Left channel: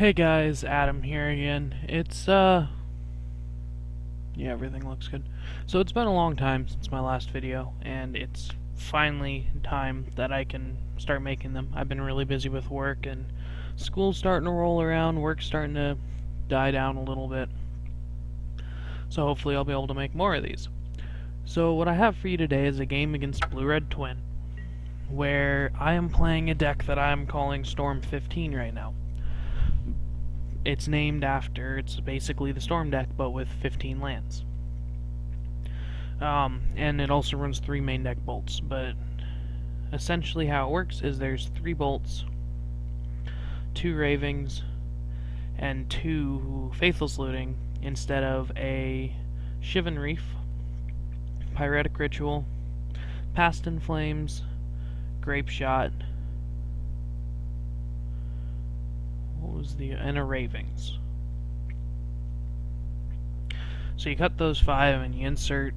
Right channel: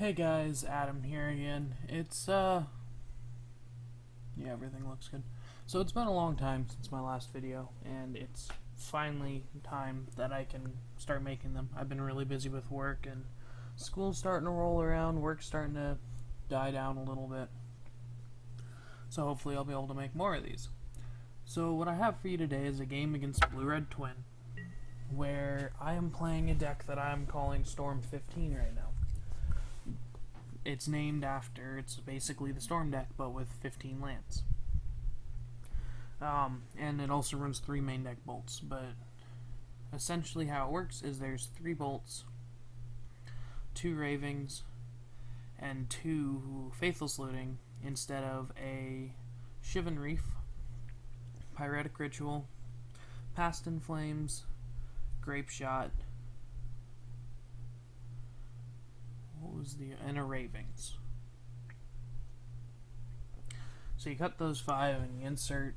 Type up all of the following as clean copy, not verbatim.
Hey guys, Adam here again. Yeah, everything looks good. So it's been a long time since my last video, and it's finally time that I can start making them. I've been really busy with work, and school's starting to roll around, work's starting to die down a little bit. So hopefully I'll be able to make more of these. So what I have for you today is a game against Blue-Red Twin, where I am playing a deck that I am calling Storm 15 right now. It's basically the Storm deck, but with 15 lands. And it also runs 3 main deck bolts, but essentially how it works is there's 3 bolts, 2 ravings, and 2 faithless looting instead of a shivan reef, pyretic ritual, past in flames, grapeshot, and a ravings. So you cut those 5 and you insert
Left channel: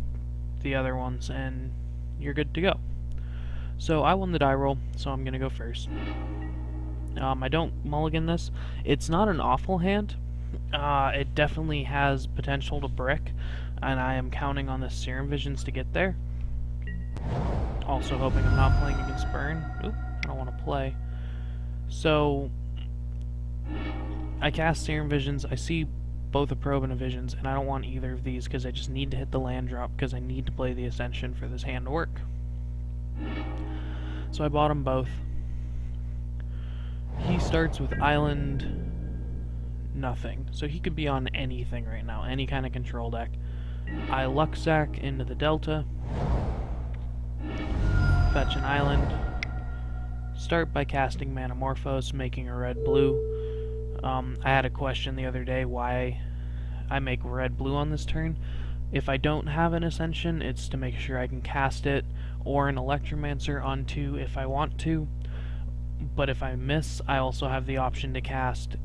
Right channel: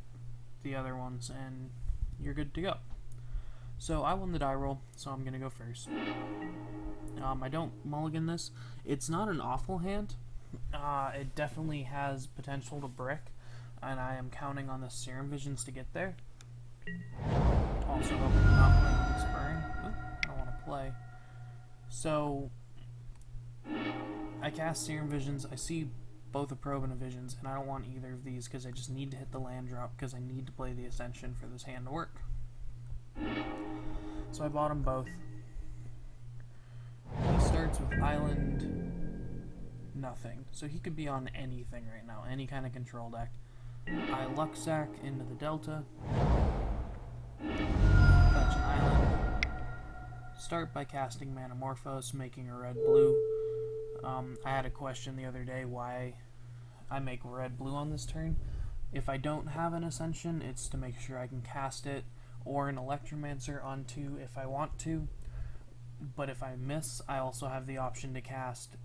the other ones and you're good to go. So I won the die roll, so I'm gonna go first. I don't mulligan this. It's not an awful hand. It definitely has potential to brick, and I am counting on the Serum Visions to get there. Also hoping I'm not playing against Burn. Oop, I don't want to play. So I cast Serum Visions. I see both a Probe and a Visions, and I don't want either of these because I just need to hit the land drop because I need to play the Ascension for this hand to work. So I bought them both. He starts with Island nothing, so he could be on anything right now, any kind of control deck. I luck sack into the Delta, fetch an island, start by casting Manamorphose, making a red-blue. I had a question the other day why I make red-blue on this turn. If I don't have an Ascension, it's to make sure I can cast it or an Electromancer onto if I want to. But if I miss, I also have the option to cast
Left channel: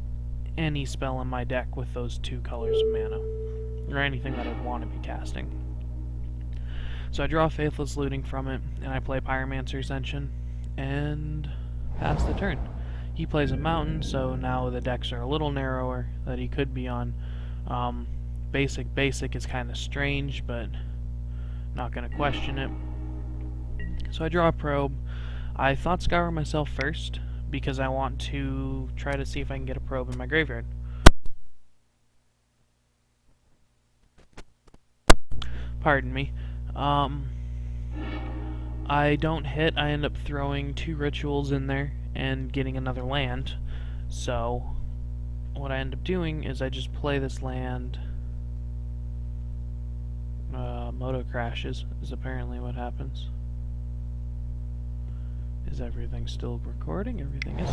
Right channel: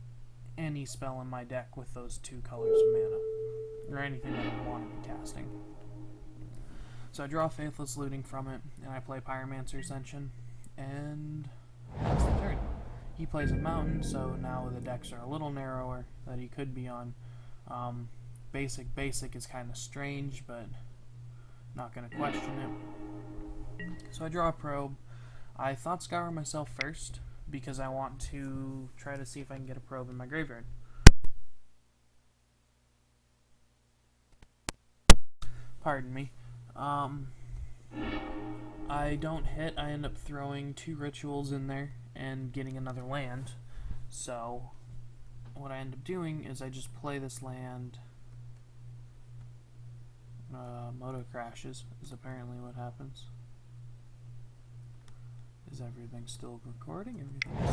any spell in my deck with those 2 colors of mana, or anything that I want to be casting. So I draw Faithless Looting from it, and I play Pyromancer Ascension, and pass the turn. He plays a mountain, so now the decks are a little narrower that he could be on. Basic is kind of strange, but not going to question it. So I draw a Probe. I thought Scour myself first, because I want to try to see if I can get a Probe in my graveyard. Pardon me. I don't hit, I end up throwing 2 rituals in there and getting another land. So what I end up doing is I just play this land. Moto crashes is apparently what happens. Is everything still recording? Everything is.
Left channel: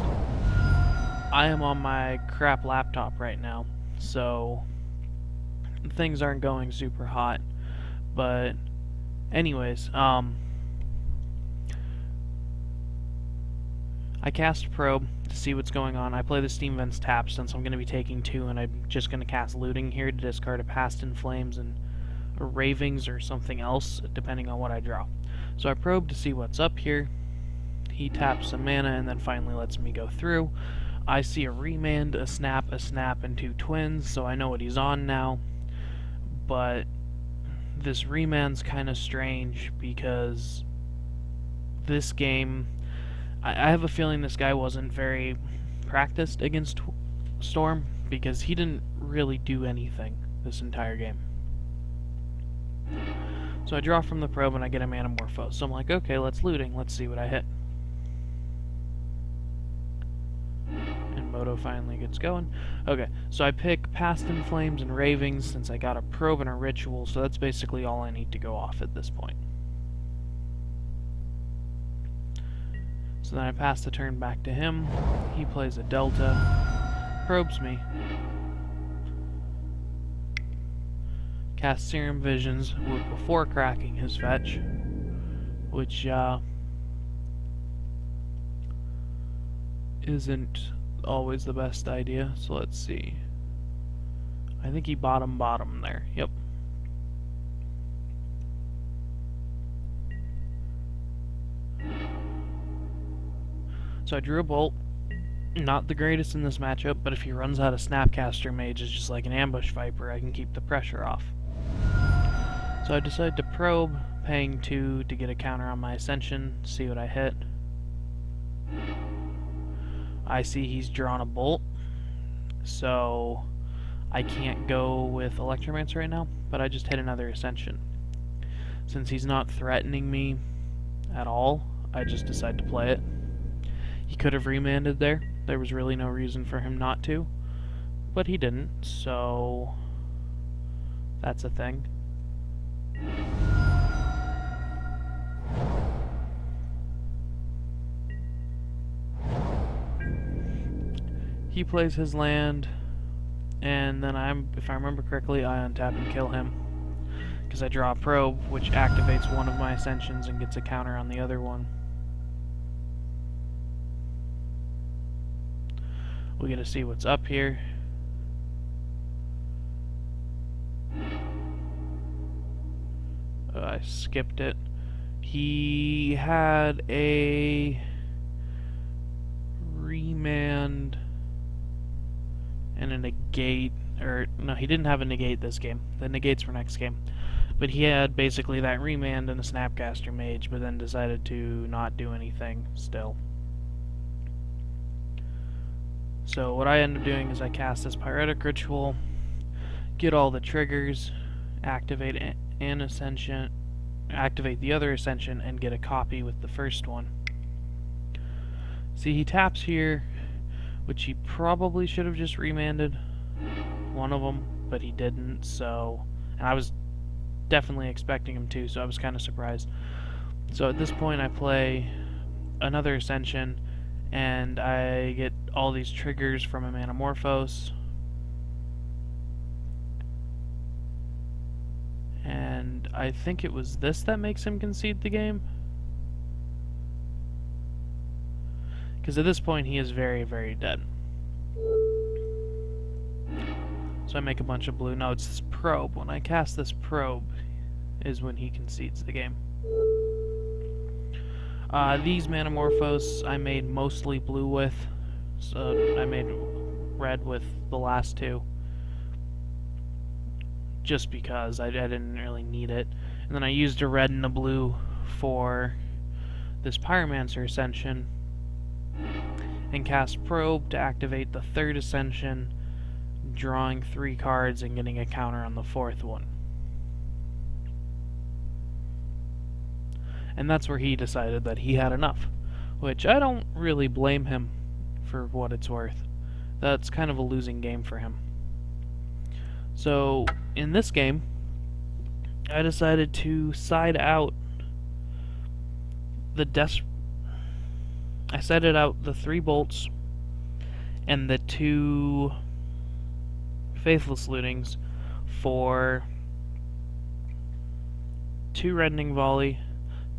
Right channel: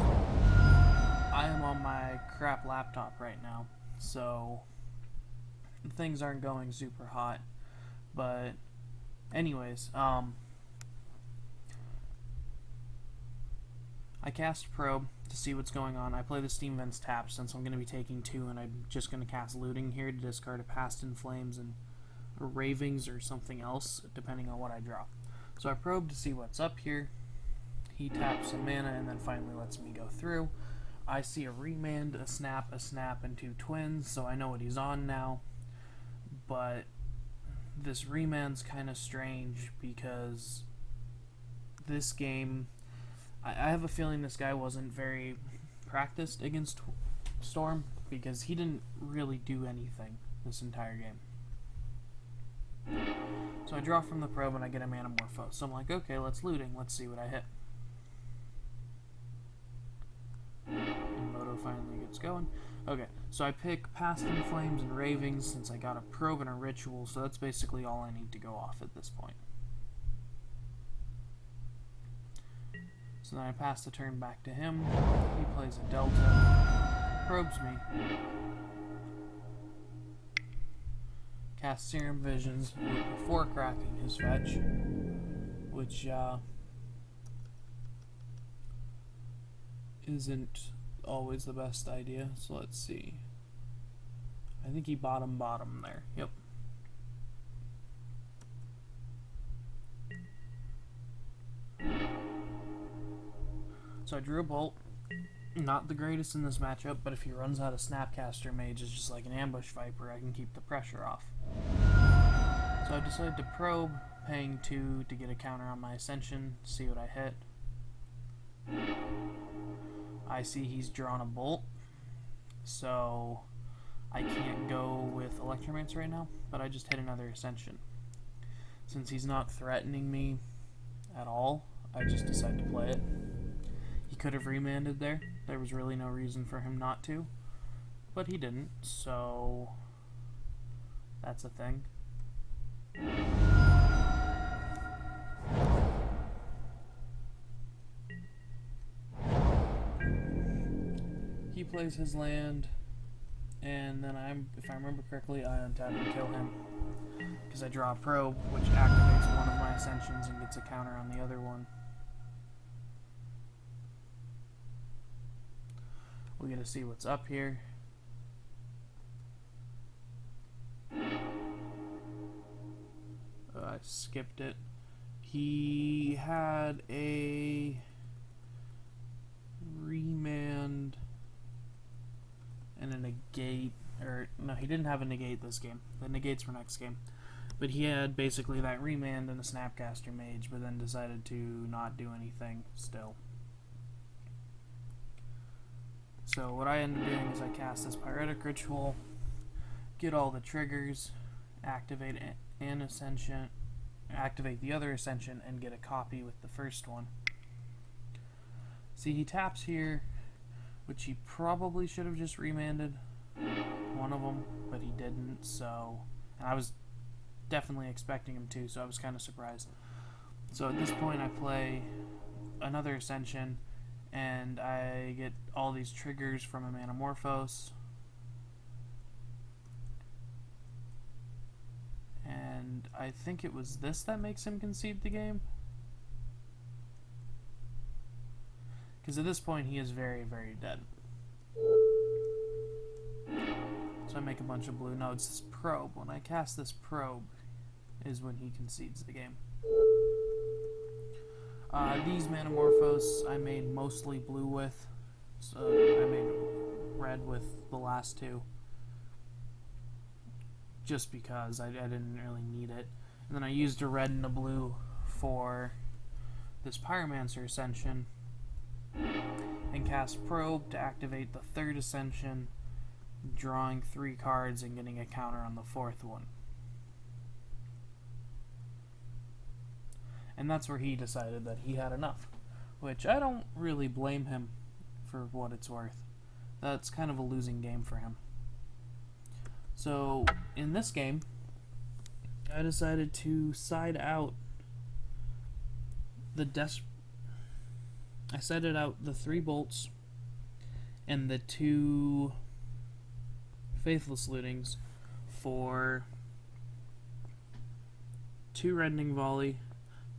I am on my crap laptop right now, so things aren't going super hot. But anyways, I cast Probe to see what's going on. I play the Steam Vents tap since I'm going to be taking 2, and I'm just going to cast Looting here to discard a Past in Flames and Ravings or something else, depending on what I draw. So I probe to see what's up here. He taps some mana and then finally lets me go through. I see a Remand, a Snap, and 2 Twins, so I know what he's on now. But this Remand's kind of strange because this game, I have a feeling this guy wasn't very practiced against Storm because he didn't really do anything this entire game. So I draw from the Probe and I get a Manamorphose. So I'm like, okay, let's Looting. Let's see what I hit. And Moto finally gets going. Okay, so I pick Past in Flames and Ravings since I got a Probe and a Ritual, so that's basically all I need to go off at this point. So then I pass the turn back to him. He plays a Delta, probes me, casts Serum Visions before cracking his fetch, which isn't always the best idea. So let's see. I think he bottom there. Yep. So I drew a bolt, not the greatest in this matchup, but if he runs out of Snapcaster Mage is just like an Ambush Viper, I can keep the pressure off. So I decided to probe, paying 2 to get a counter on my Ascension, see what I hit. I see he's drawn a Bolt, so I can't go with Electromancer right now, but I just hit another Ascension. Since he's not threatening me at all, I just decided to play it. He could have remanded there. There was really no reason for him not to, but he didn't, so that's a thing. He plays his land, and then if I remember correctly, I untap and kill him. Because I draw a probe, which activates one of my Ascensions and gets a counter on the other one. We get to see what's up here. I skipped it. He had a remand and a negate, or no, he didn't have a negate this game. The negates for next game. But he had basically that remand and a Snapcaster Mage, but then decided to not do anything still. So what I end up doing is I cast this Pyretic Ritual, get all the triggers, activate an Ascension, activate the other Ascension, and get a copy with the first one. See, he taps here, which he probably should have just remanded one of them, but he didn't, so... And I was definitely expecting him to, so I was kind of surprised. So at this point I play another Ascension, and I get all these triggers from a Manamorphose. And I think it was this that makes him concede the game. Because at this point he is very, very dead. So I make a bunch of blue. No, it's this probe. When I cast this probe is when he concedes the game. These Manamorphose I made mostly blue with. So I made red with the last two. Just because I didn't really need it. And then I used a red and a blue for this Pyromancer Ascension. And cast Probe to activate the third Ascension, drawing 3 cards and getting a counter on the fourth one. And that's where he decided that he had enough, which I don't really blame him for what it's worth. That's kind of a losing game for him. So, in this game, I decided to side out I sided out the 3 bolts and the 2 faithless lootings for 2 reddening volley,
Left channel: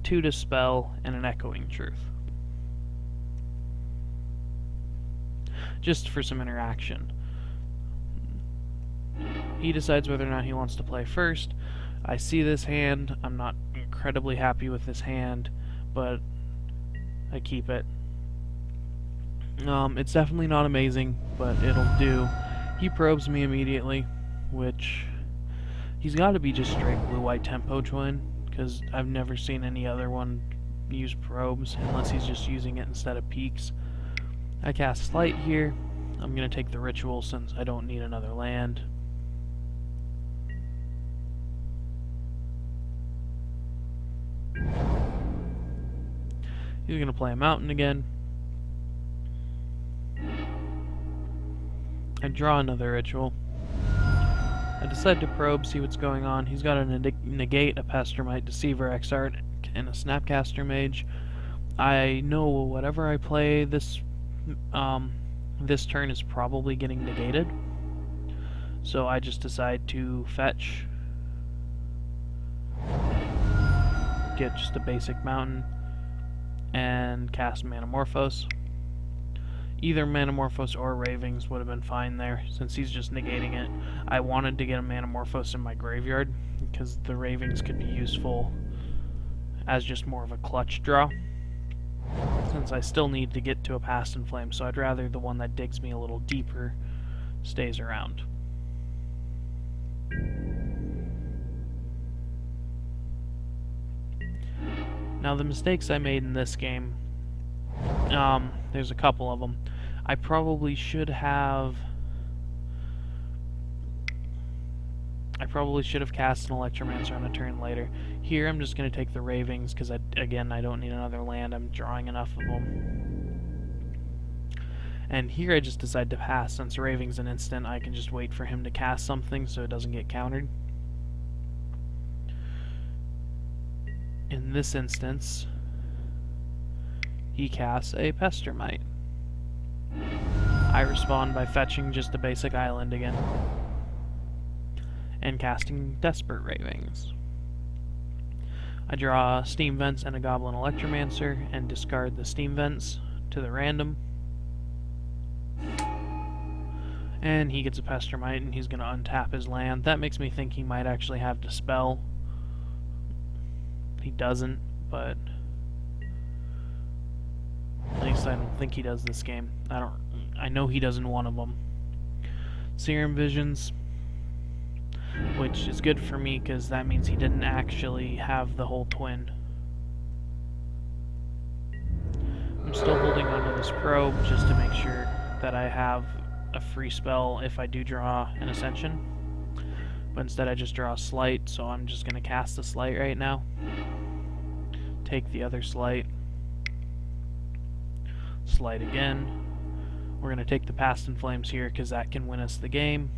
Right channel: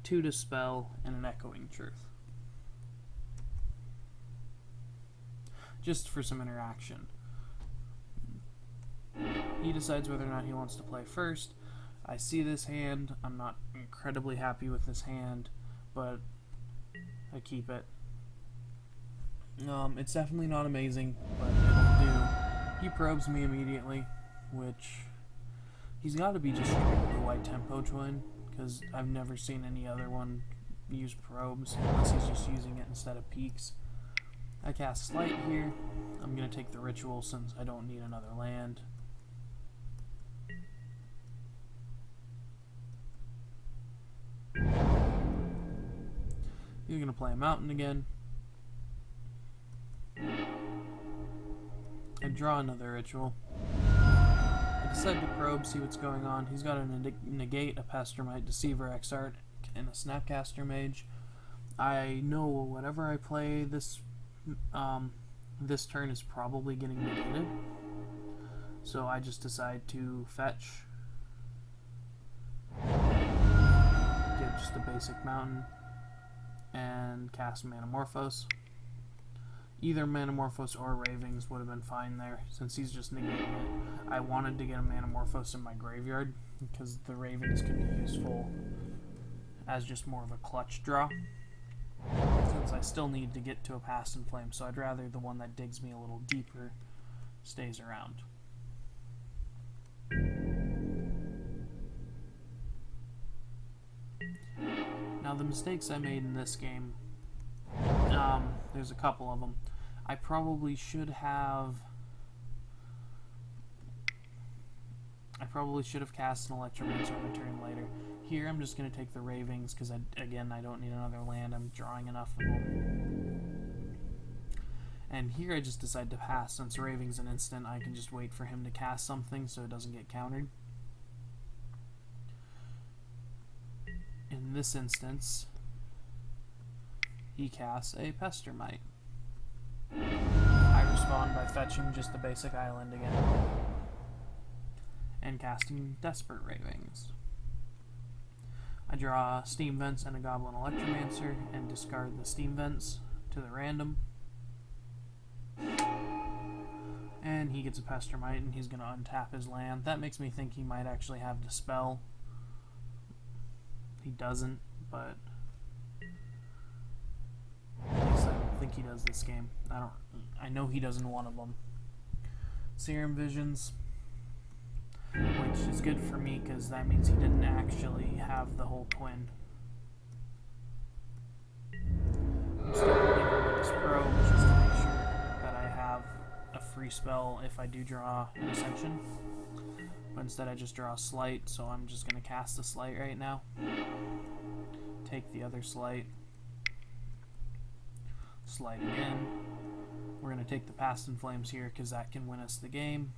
2 dispel, and an echoing truth. Just for some interaction. He decides whether or not he wants to play first. I see this hand. I'm not incredibly happy with this hand, but I keep it. It's definitely not amazing, but it'll do. He probes me immediately, which he's got to be just straight blue-white tempo twin, because I've never seen any other one use probes, unless he's just using it instead of peaks. I cast Slight here. I'm going to take the ritual since I don't need another land. He's going to play a mountain again. I draw another ritual. I decide to probe, see what's going on. He's got a negate, a Pestermite, Deceiver, Exart, and a Snapcaster Mage. I know whatever I play this turn is probably getting negated. So I just decide to fetch. Get just a basic mountain. And cast Manamorphose. Either Manamorphose or Ravings would have been fine there, since he's just negating it. I wanted to get a Manamorphose in my graveyard, because the Ravings could be useful as just more of a clutch draw. since I still need to get to a past in flame, so I'd rather the one that digs me a little deeper stays around. Now the mistakes I made in this game, there's a couple of them. I probably should have cast an Electromancer on a turn later. Here I'm just going to take the ravings because, again, I don't need another land. I'm drawing enough of them. And here I just decide to pass. Since raving's an instant, I can just wait for him to cast something so it doesn't get countered. In this instance, he casts a Pestermite. I respond by fetching just a basic island again and casting Desperate Ravings. I draw Steam Vents and a Goblin Electromancer and discard the Steam Vents to the random. And he gets a Pestermite and he's going to untap his land. That makes me think he might actually have Dispel. He doesn't, but at least I don't think he does this game. I know he does in one of them. Serum Visions, which is good for me because that means he didn't actually have the whole twin. I'm still holding on to this probe just to make sure that I have a free spell if I do draw an Ascension. But instead I just draw a Slight, so I'm just going to cast a Slight right now. Take the other Slight. Slight again. We're going to take the Past in Flames here because that can win us the game.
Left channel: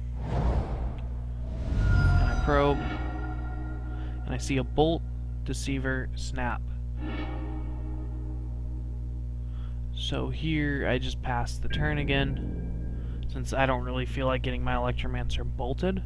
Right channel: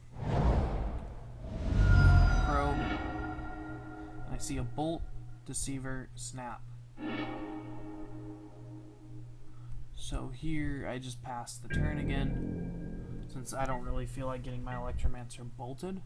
Probe. And I see a Bolt, Deceiver, Snap. So here I just pass the turn again, since I don't really feel like getting my Electromancer bolted.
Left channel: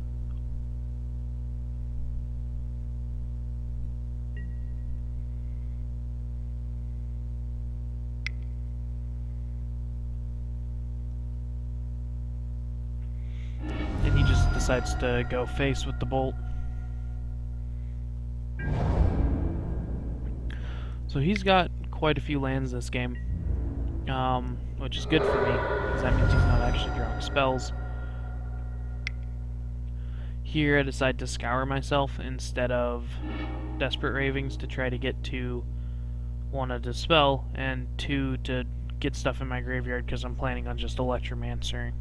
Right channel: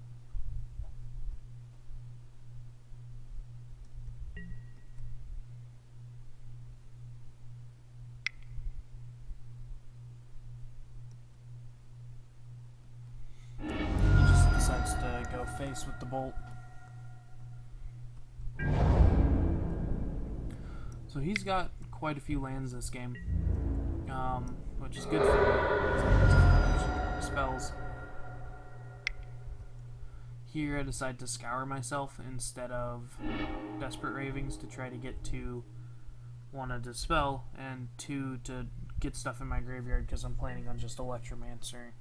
And he just decides to go face with the Bolt. So he's got quite a few lands this game, which is good for me, because that means he's not actually drawing spells. Here I decide to scour myself instead of Desperate Ravings to try to get to, one, a Dispel, and two, to get stuff in my graveyard because I'm planning on just Electromancer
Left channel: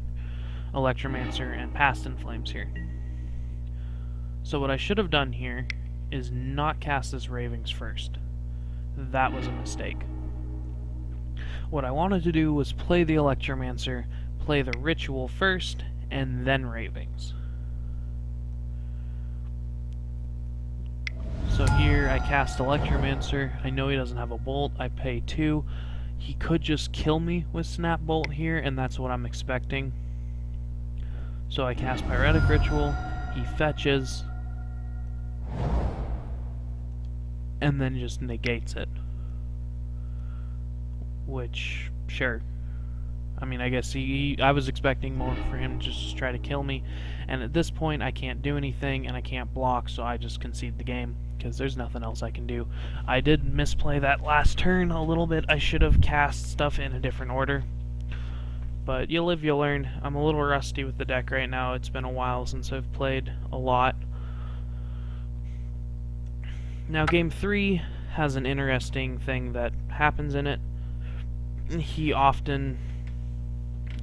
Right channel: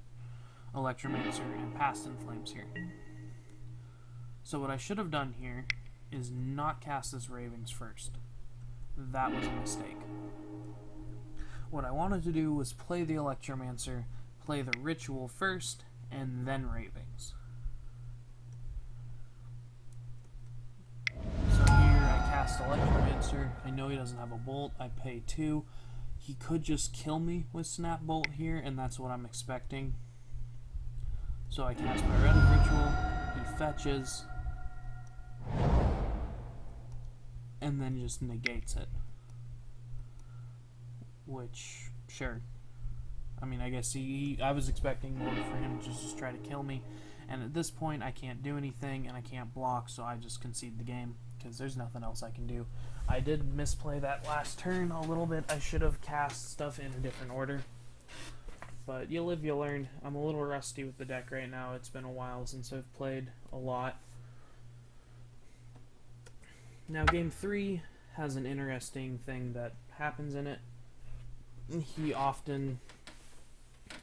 and Past in Flames here. So what I should have done here is not cast this Ravings first. That was a mistake. What I wanted to do was play the Electromancer, play the Ritual first, and then Ravings. So here I cast Electromancer. I know he doesn't have a Bolt. I pay 2. He could just kill me with Snap Bolt here, and that's what I'm expecting. So I cast Pyretic Ritual. He fetches. And then just negates it. Which, sure. I mean, I guess I was expecting more for him to just try to kill me. And at this point, I can't do anything, and I can't block, so I just concede the game, because there's nothing else I can do. I did misplay that last turn a little bit. I should have cast stuff in a different order. But you live, you learn. I'm a little rusty with the deck right now. It's been a while since I've played a lot. Now, Game 3 has an interesting thing that happens in it. He often,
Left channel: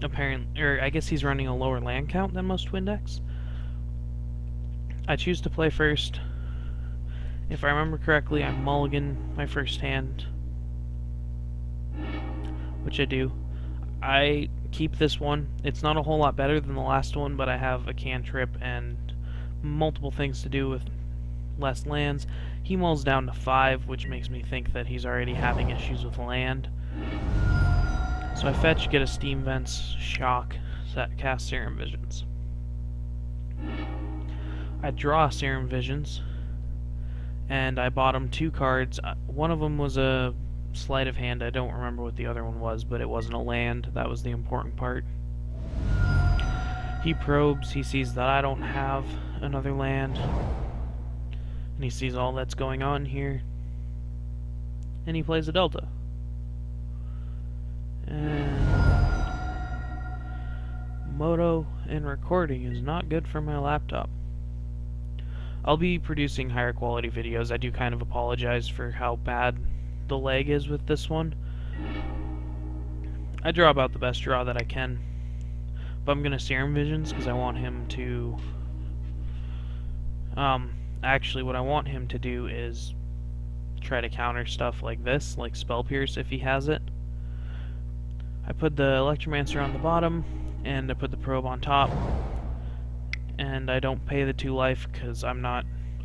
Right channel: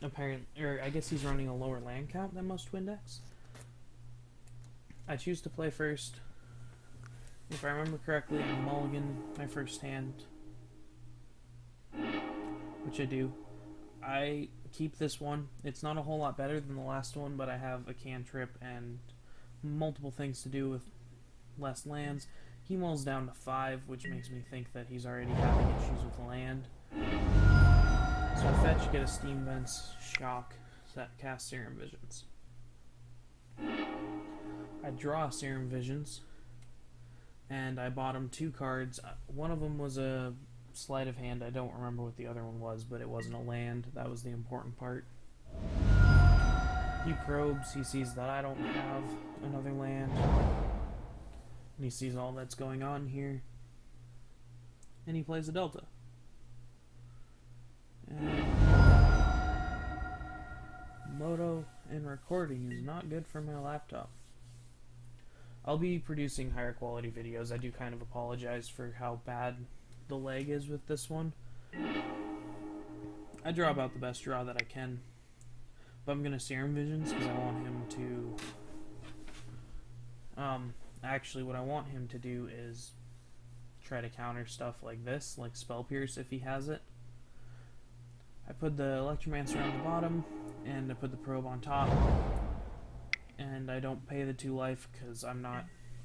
I guess he's running a lower land count than most twin decks. I choose to play first. If I remember correctly, I mulligan my first hand, which I do. I keep this one. It's not a whole lot better than the last one, but I have a cantrip and multiple things to do with less lands. He mulls down to 5, which makes me think that he's already having issues with land. So I fetch, get a Steam Vents, shock, cast Serum Visions. I draw Serum Visions, and I bottom 2 cards. One of them was a Sleight of Hand. I don't remember what the other one was, but it wasn't a land. That was the important part. He probes, he sees that I don't have another land, and he sees all that's going on here, and he plays a Delta. And Moto and recording is not good for my laptop. I'll be producing higher quality videos. I do kind of apologize for how bad the lag is with this one. I draw about the best draw that I can. But I'm gonna Serum Visions because I want him to... actually what I want him to do is try to counter stuff like this, like Spell Pierce if he has it. I put the Electromancer on the bottom, and I put the probe on top. And I don't pay the 2 life because I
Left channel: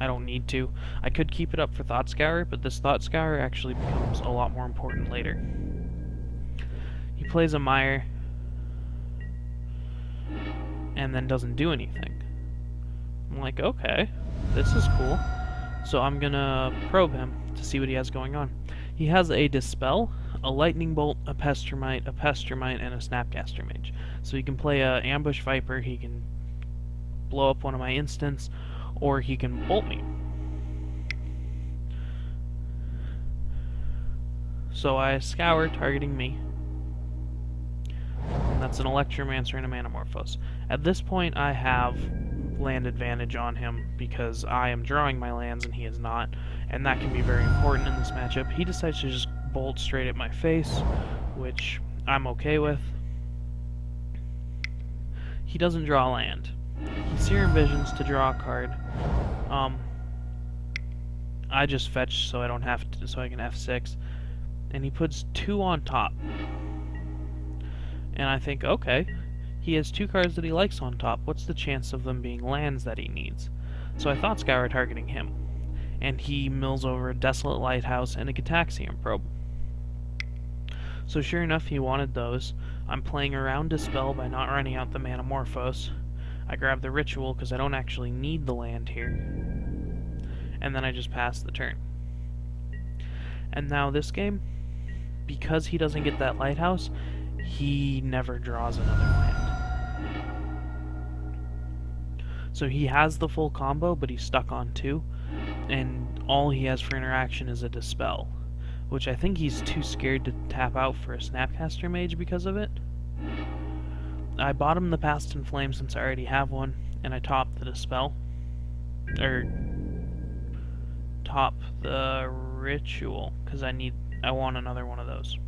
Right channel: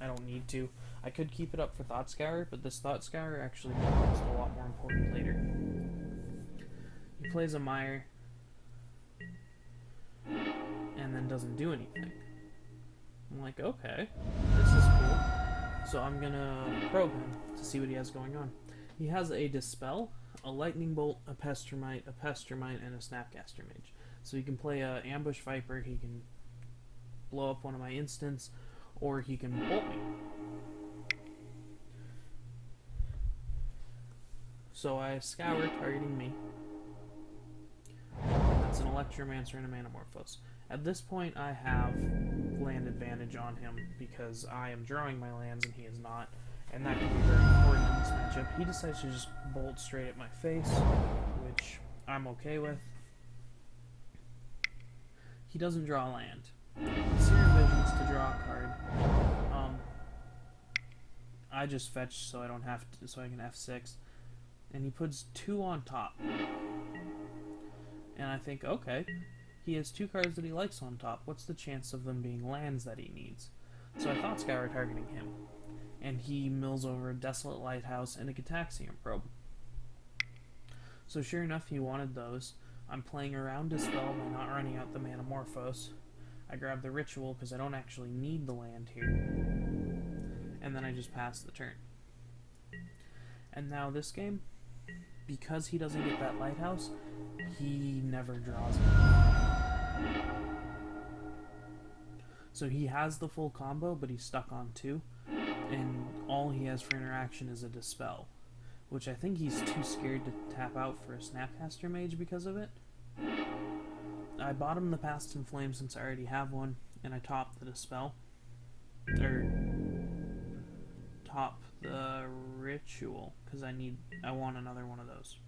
don't need to. I could keep it up for Thought Scour, but this Thought Scour actually becomes a lot more important later. He plays a Mire, and then doesn't do anything. I'm like, okay, this is cool. So I'm gonna probe him to see what he has going on. He has a Dispel, a Lightning Bolt, a Pestermite, and a Snapcaster Mage. So he can play a Ambush Viper, he can blow up one of my instants, or he can bolt me. So I scour, targeting me. And that's an Electromancer and a Manamorphose. At this point I have land advantage on him because I am drawing my lands and he is not, and that can be very important in this matchup. He decides to just bolt straight at my face, which I'm okay with. He doesn't draw land. He Serum Visions to draw a card. I just fetch so I don't have to, so I can F6, and he puts 2 on top. And I think, okay, he has 2 cards that he likes on top. What's the chance of them being lands that he needs? So I thought Scour targeting him, and he mills over a Desolate Lighthouse and a Gataxian Probe. So sure enough, he wanted those. I'm playing around Dispel by not running out the Manamorphose. I grab the Ritual because I don't actually need the land here. And then I just pass the turn. And now this game, because he doesn't get that Lighthouse, he never draws another land. So he has the full combo, but he's stuck on 2. And all he has for interaction is a Dispel, which I think he's too scared to tap out for a Snapcaster Mage because of it. I bottom the Past in Flame since I already have one, and I top the Dispel. Top the Ritual, because I want another one of those.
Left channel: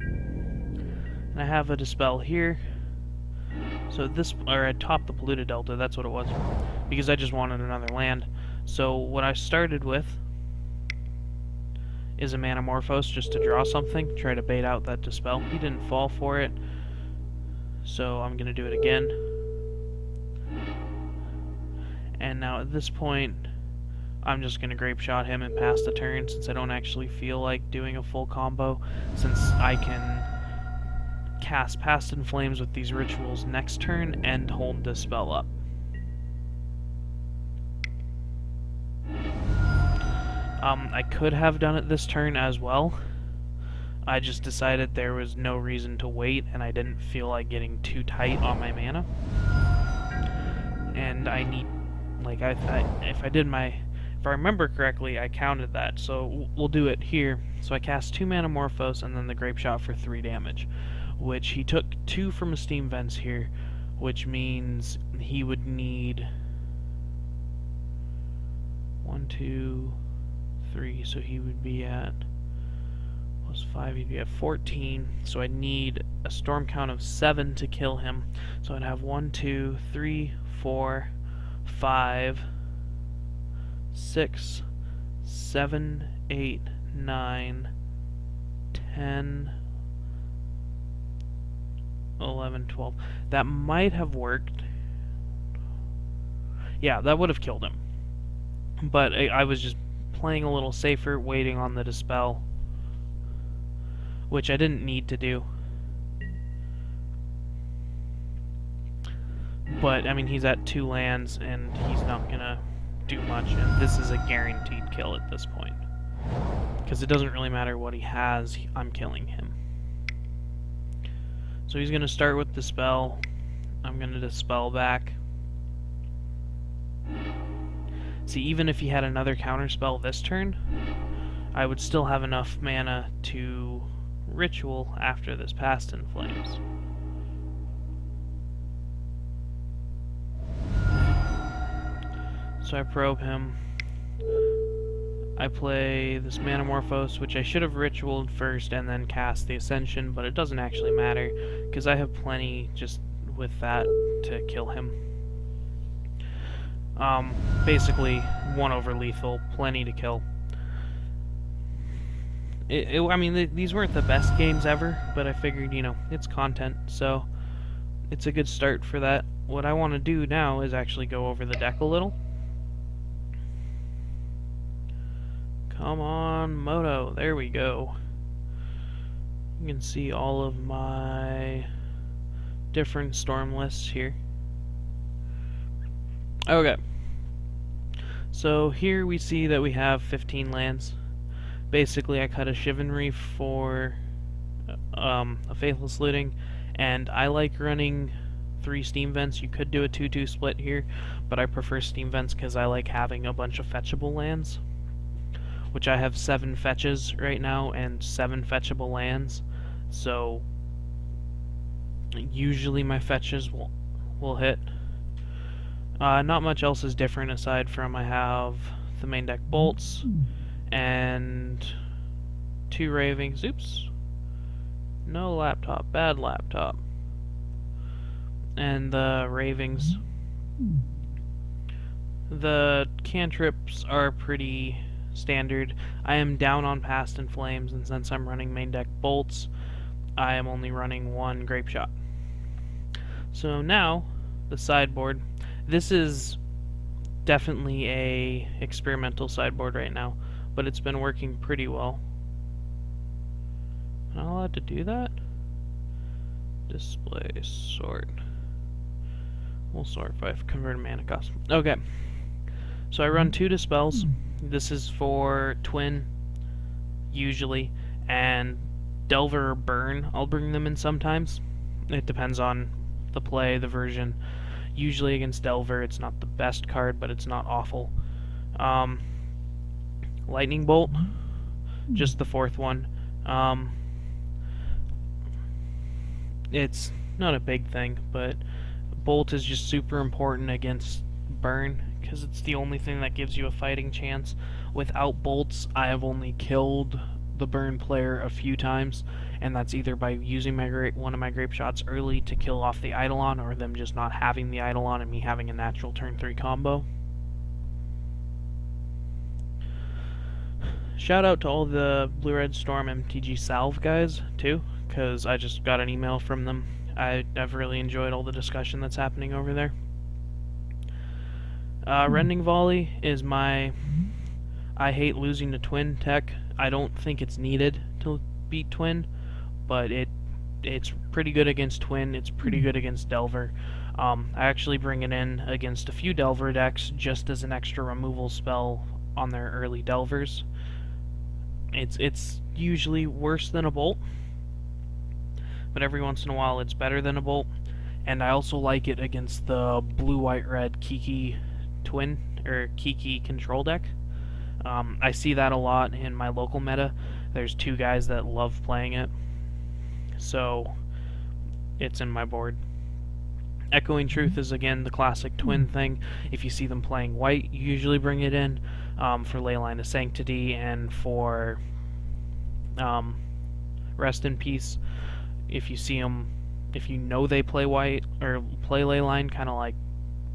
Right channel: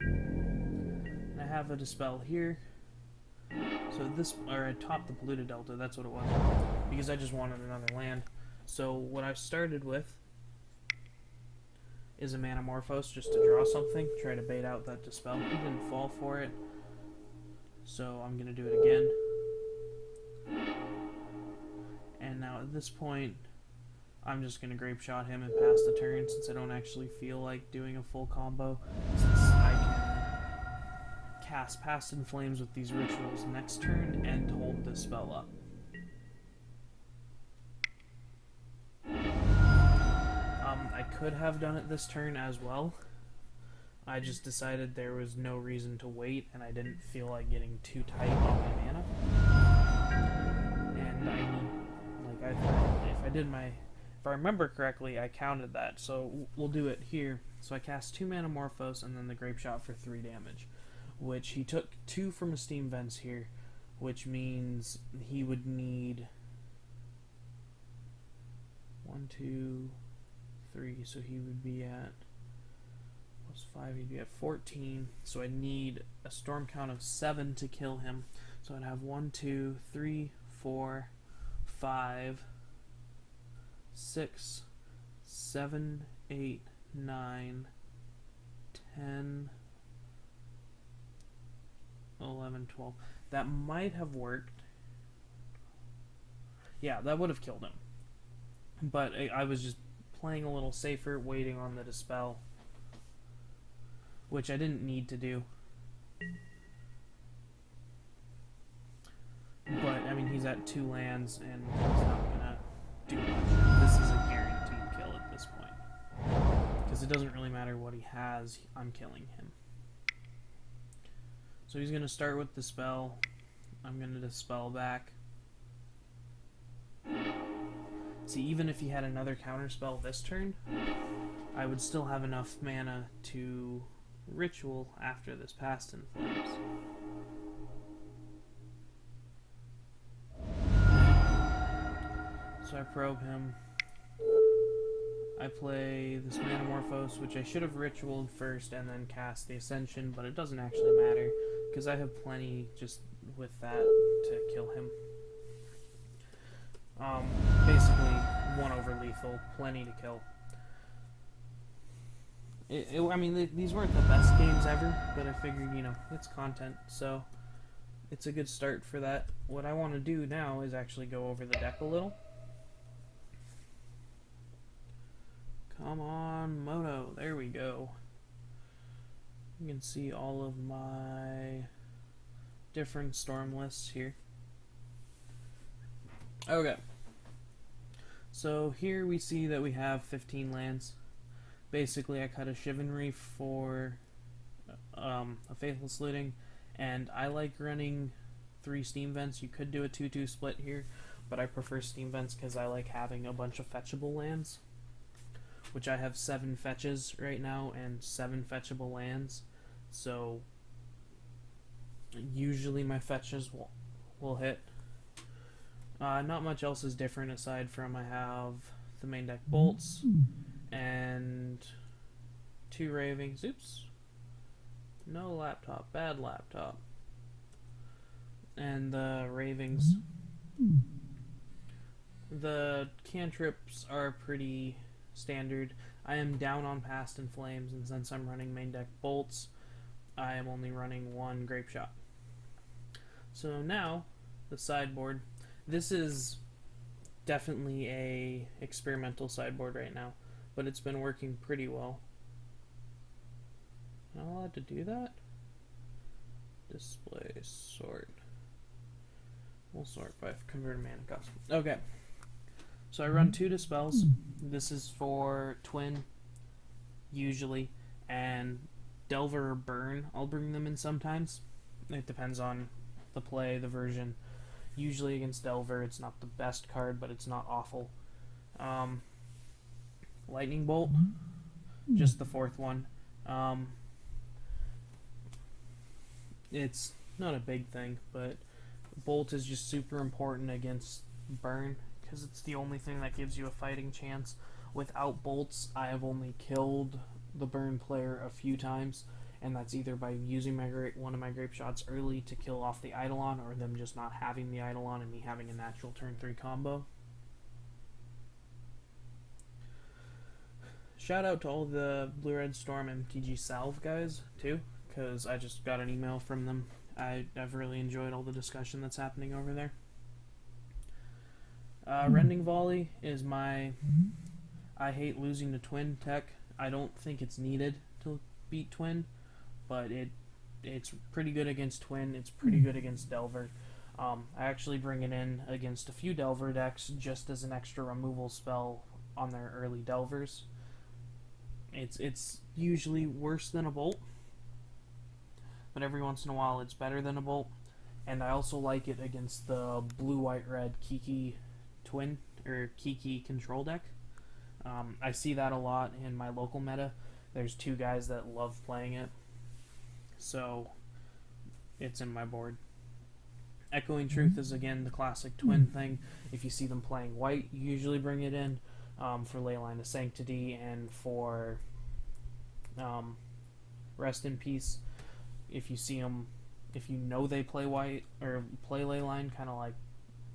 And I have a Dispel here. So I top the Polluted Delta, that's what it was, because I just wanted another land. So what I started with is a Manamorphose just to draw something, try to bait out that Dispel. He didn't fall for it, so I'm going to do it again. And now at this point, I'm just going to Grapeshot him and pass the turn since I don't actually feel like doing a full combo, since I can cast Past in Flames with these Rituals next turn and hold Dispel up. I could have done it this turn as well. I just decided there was no reason to wait, and I didn't feel like getting too tight on my mana. And I need, like, if I remember correctly, I counted that, so we'll do it here. So I cast 2 Manamorphose and then the Grapeshot for 3 damage, which he took 2 from a Steam Vents here, which means he would need 1, 2, 3, so he would be at +5, he'd be at 14, so I need a storm count of 7 to kill him. So I'd have 1, 2, 3, 4, 5, 6, 7, 8, 9, 10, 11, 12. That might have worked. Yeah, that would have killed him. But I was just playing a little safer, waiting on the Dispel, which I didn't need to do. But, I mean, he's at 2 lands, and he's not gonna do much, and this is a guaranteed kill at this point. Because it doesn't really matter what he has, I'm killing him. So he's gonna start with Dispel. I'm gonna Dispel back. See, even if he had another counterspell this turn, I would still have enough mana to ritual after this Past in Flames. So I probe him. I play this Manamorphose, which I should have ritualed first and then cast the Ascension, but it doesn't actually matter, because I have plenty just with that to kill him. Basically, 1 over lethal, plenty to kill. I mean, these weren't the best games ever, but I figured, you know, it's content, so it's a good start for that. What I want to do now is actually go over the deck a little. Come on, Moto. There we go. You can see all of my different storm lists here. Okay. So here we see that we have 15 lands. Basically, I cut a Shivan Reef for a Faithless Looting, and I like running 3 Steam Vents. You could do a 2-2 split here, but I prefer Steam Vents because I like having a bunch of fetchable lands, which I have 7 fetches right now and 7 fetchable lands, so usually my fetches will hit. Not much else is different aside from I have the main deck bolts and 2 ravings. Oops. No laptop. Bad laptop. And the ravings. The cantrips are pretty standard. I am down on Past in Flames, and since I'm running main deck bolts, I am only running 1 grapeshot. So now, the sideboard. This is definitely a experimental sideboard right now, but it's been working pretty well. Am I allowed to do that? Display sort. We'll sort by converted mana cost. Okay. So I run 2 dispels. This is for twin, usually, and Delver or Burn. I'll bring them in sometimes. It depends on the play, the version. Usually against Delver, it's not the best card, but it's not awful. Lightning Bolt, just the 4th one. It's not a big thing, but Bolt is just super important against Burn, because it's the only thing that gives you a fighting chance. Without bolts, I have only killed the Burn player a few times, and that's either by using one of my grape shots early to kill off the Eidolon, or them just not having the Eidolon and me having a natural turn 3 combo. Shout out to all the Blue Red Storm MTG Salve guys, too, because I just got an email from them. I've really enjoyed all the discussion that's happening over there. Rending Volley is my I hate losing to Twin tech. I don't think it's needed to beat Twin, but it's pretty good against Twin. It's pretty good against Delver. I actually bring it in against a few Delver decks just as an extra removal spell on their early Delvers. It's usually worse than a Bolt, but every once in a while it's better than a Bolt. And I also like it against the blue-white-red Kiki Twin or Kiki control deck. I see that a lot in my local meta. There's 2 guys that love playing it, so it's in my board. Echoing Truth is again the classic Twin thing. If you see them playing white, you usually bring it in for Leyline of Sanctity and for Rest in Peace. If you see them, if you know they play white or play Leyline, kind of like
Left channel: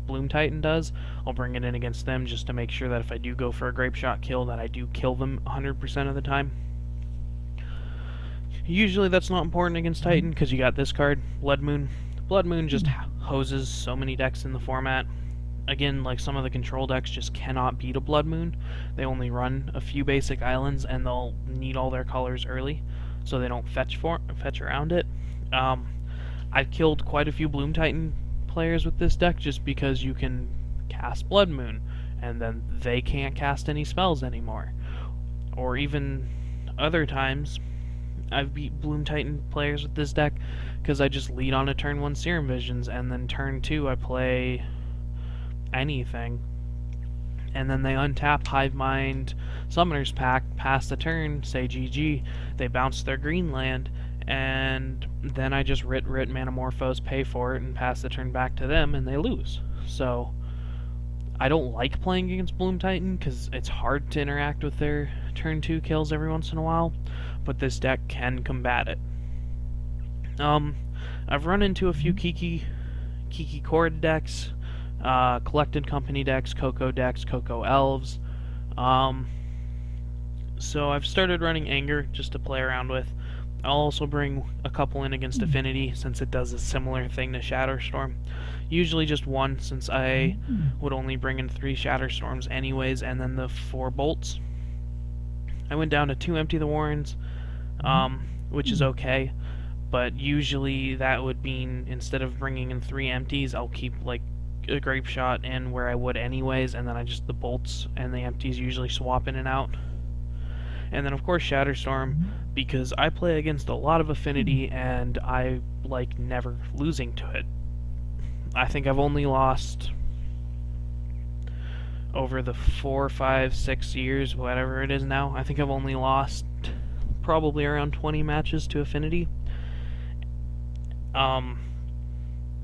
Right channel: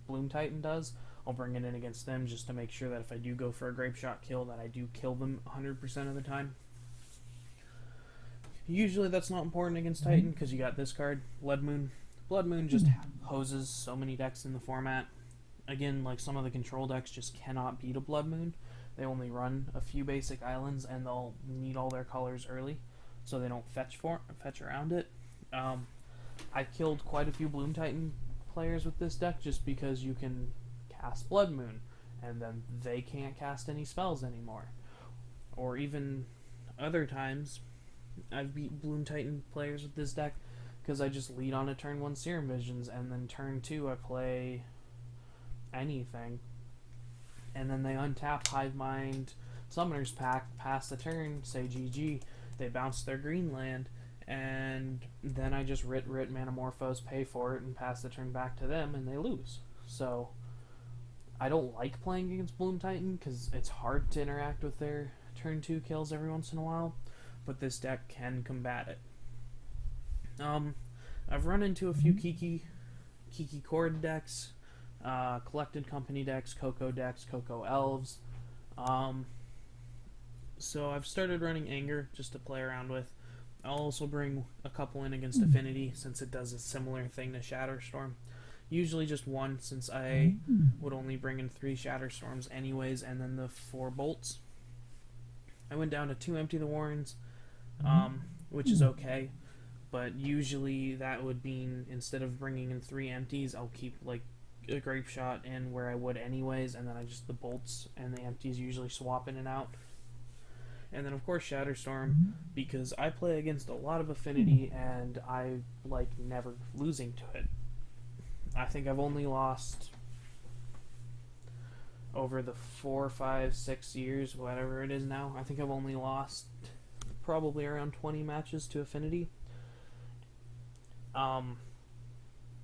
Bloom Titan does, I'll bring it in against them just to make sure that if I do go for a grape shot kill, that I do kill them 100% of the time. Usually that's not important against Titan because you got this card, Blood Moon. Blood Moon just hoses so many decks in the format. Again, like some of the control decks just cannot beat a Blood Moon. They only run a few basic islands and they'll need all their colors early, so they don't fetch around it. I've killed quite a few Bloom Titan players with this deck just because you can cast Blood Moon and then they can't cast any spells anymore. Or even other times I've beat Bloom Titan players with this deck because I just lead on a turn 1 Serum Visions and then turn 2 I play anything, and then they untap Hive Mind Summoner's Pact, pass the turn, say GG, they bounce their green land, and then I just writ Manamorphose, pay for it, and pass the turn back to them, and they lose. So I don't like playing against Bloom Titan because it's hard to interact with their turn 2 kills every once in a while, but this deck can combat it. I've run into a few Kiki Chord decks, Collected Company decks, Coco Elves. So I've started running Anger just to play around with. I'll also bring a couple in against Affinity since it does a similar thing to Shatterstorm. Usually just one, since I would only bring in 3 Shatterstorms anyways, and then the 4 bolts. I went down to 2 Empty the Warrens, which is okay, but usually that would mean instead of bringing in 3 empties, I'll keep like a grapeshot in where I would anyways, and then the bolts and the empties usually swap in and out. And then of course Shatterstorm, because I play against a lot of Affinity and I like never losing to it. I think I've only lost over the 4, 5, 6 years, whatever it is now. I think I've only lost probably around 20 matches to Affinity.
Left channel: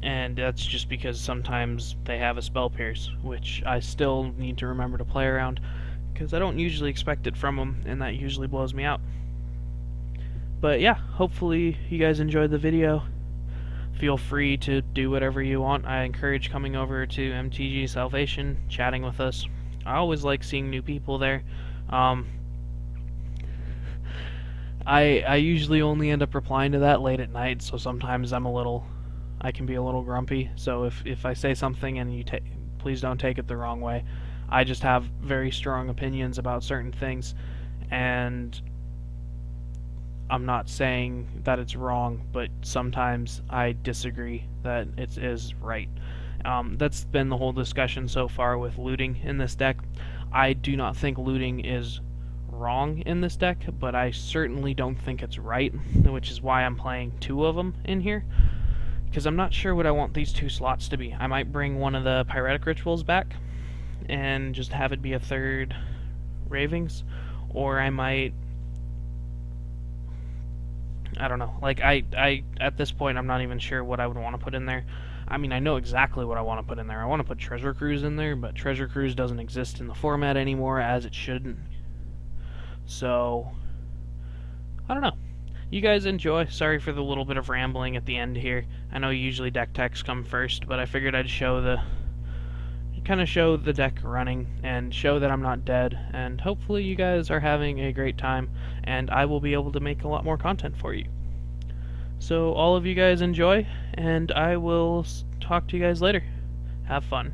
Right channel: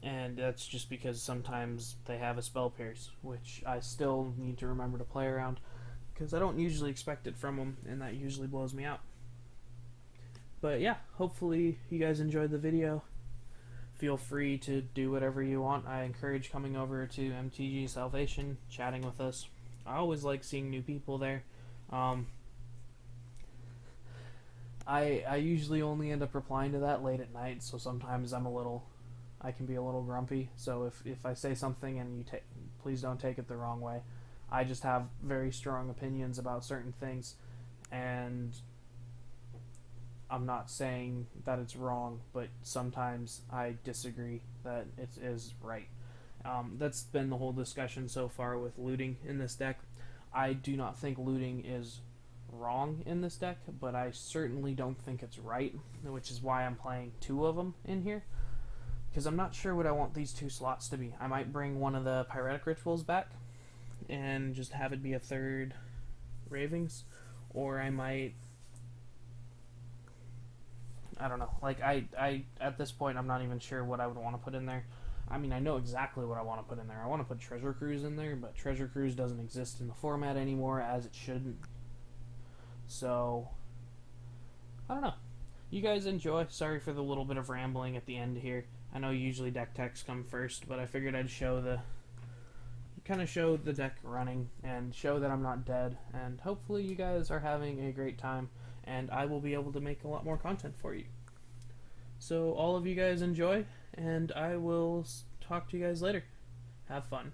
And that's just because sometimes they have a Spell Pierce, which I still need to remember to play around, because I don't usually expect it from them, and that usually blows me out. But yeah, hopefully you guys enjoyed the video. Feel free to do whatever you want. I encourage coming over to MTG Salvation, chatting with us. I always like seeing new people there. I usually only end up replying to that late at night, so sometimes I can be a little grumpy. So if I say something and please don't take it the wrong way. I just have very strong opinions about certain things, and I'm not saying that it's wrong, but sometimes I disagree that it is right. That's been the whole discussion so far with looting in this deck. I do not think looting is wrong in this deck, but I certainly don't think it's right, which is why I'm playing 2 of them in here, because I'm not sure what I want these 2 slots to be. I might bring one of the Pyretic Rituals back and just have it be a 3rd Ravings, or I might, I don't know, like I at this point I'm not even sure what I would want to put in there. I mean, I know exactly what I want to put in there. I want to put Treasure Cruise in there, but Treasure Cruise doesn't exist in the format anymore, as it shouldn't. So I don't know. You guys enjoy. Sorry for the little bit of rambling at the end here. I know usually deck techs come first, but I figured I'd show the deck running and show that I'm not dead, and hopefully you guys are having a great time, and I will be able to make a lot more content for you. So all of you guys enjoy, and I will talk to you guys later. Have fun.